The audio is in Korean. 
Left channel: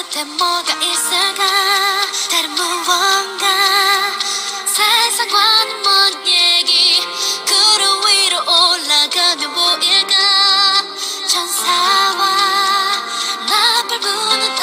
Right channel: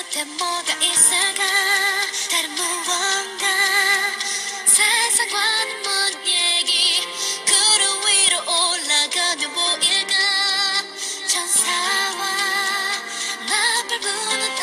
끝에 뭐가 있을까? 다른 무언가? 세상과는 먼 얘기? 구름 위로 올라가면 보일까? 천사와 나팔 부는